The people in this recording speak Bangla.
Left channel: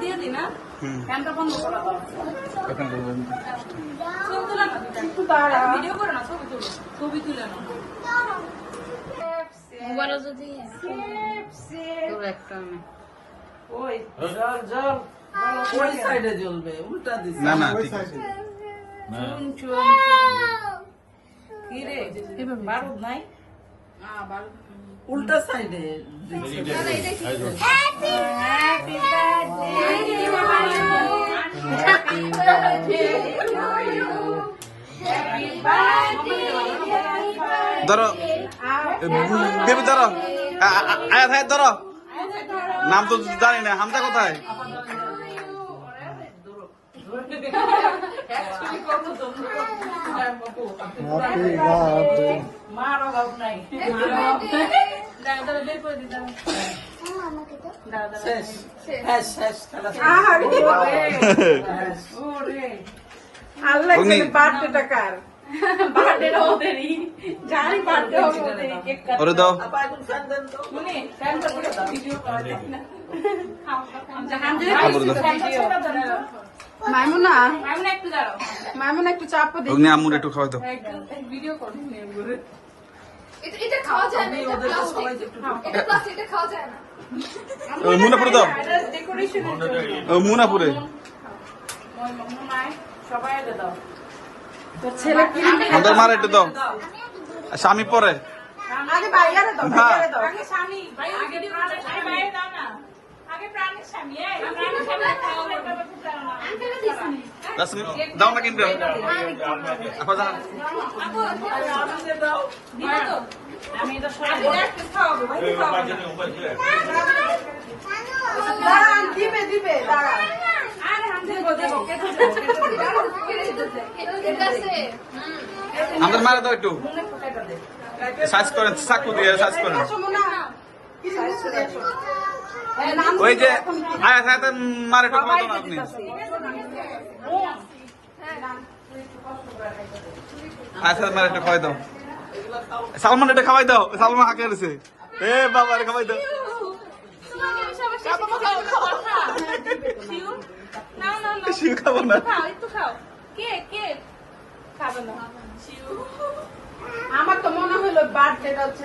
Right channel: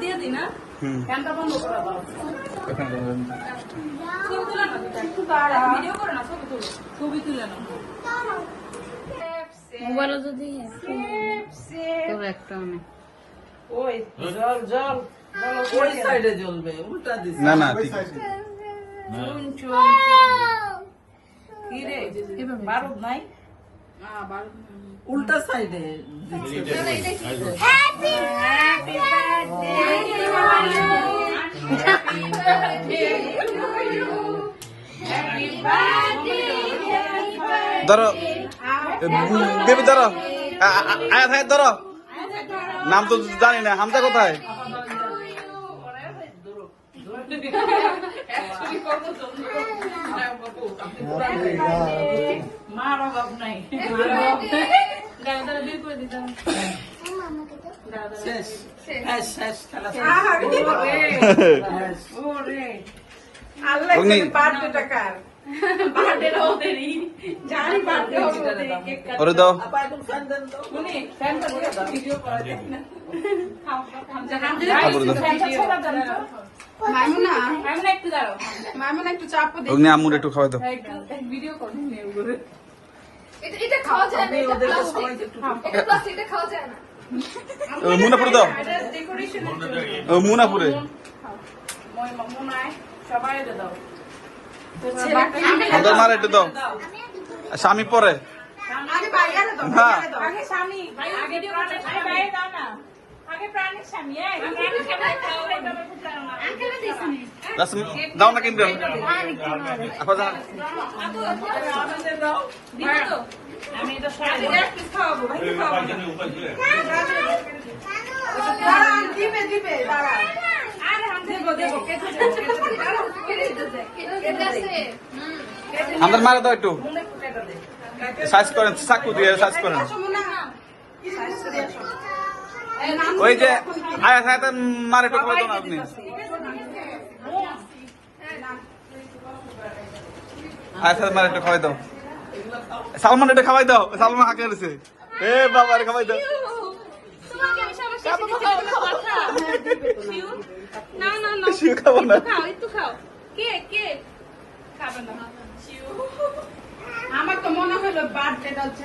দিয়ে দিই না ফ্যানটা বন্ধ করা দাও ভিডিও করো না ছবি তুলে না বড় যদি ওই জল জল ওই সাইডে জ্বলবে উল্টা দিস না না ঠিক চুন চুন কি রে বারুদ নাই না বারুদ উল্টা সাইডে দিচ্ছে হ্যাপি বার্থডে ধরো বেবি ধরো আয়াত হায়াত ধরো নাম তো জানি না হামজা কোথায় ওরে দাও অগ্নি আমুর একটু খাওয়াই দাও মুনাপুরে দাও মুনাপুরে আমাদের মার একটু দাও স্বামী পরে না দাও না কিন্তু আমাদের মারে দাও একটু সাইজ করেন চাকু দিয়ে সাইজ করেন ওই যে আয়া সাথে মারে একটু খাওয়াই দাও না আপনি আয়া সাথে মারে একটু খাওয়াই দাও সালমান এটা খাওয়াই দাও সালমান হাঁকে রয়েছে এ বাবা রে খাওয়াই দাও শিউ খাবো না আমার তো মনে হলো বার্থডে হচ্ছে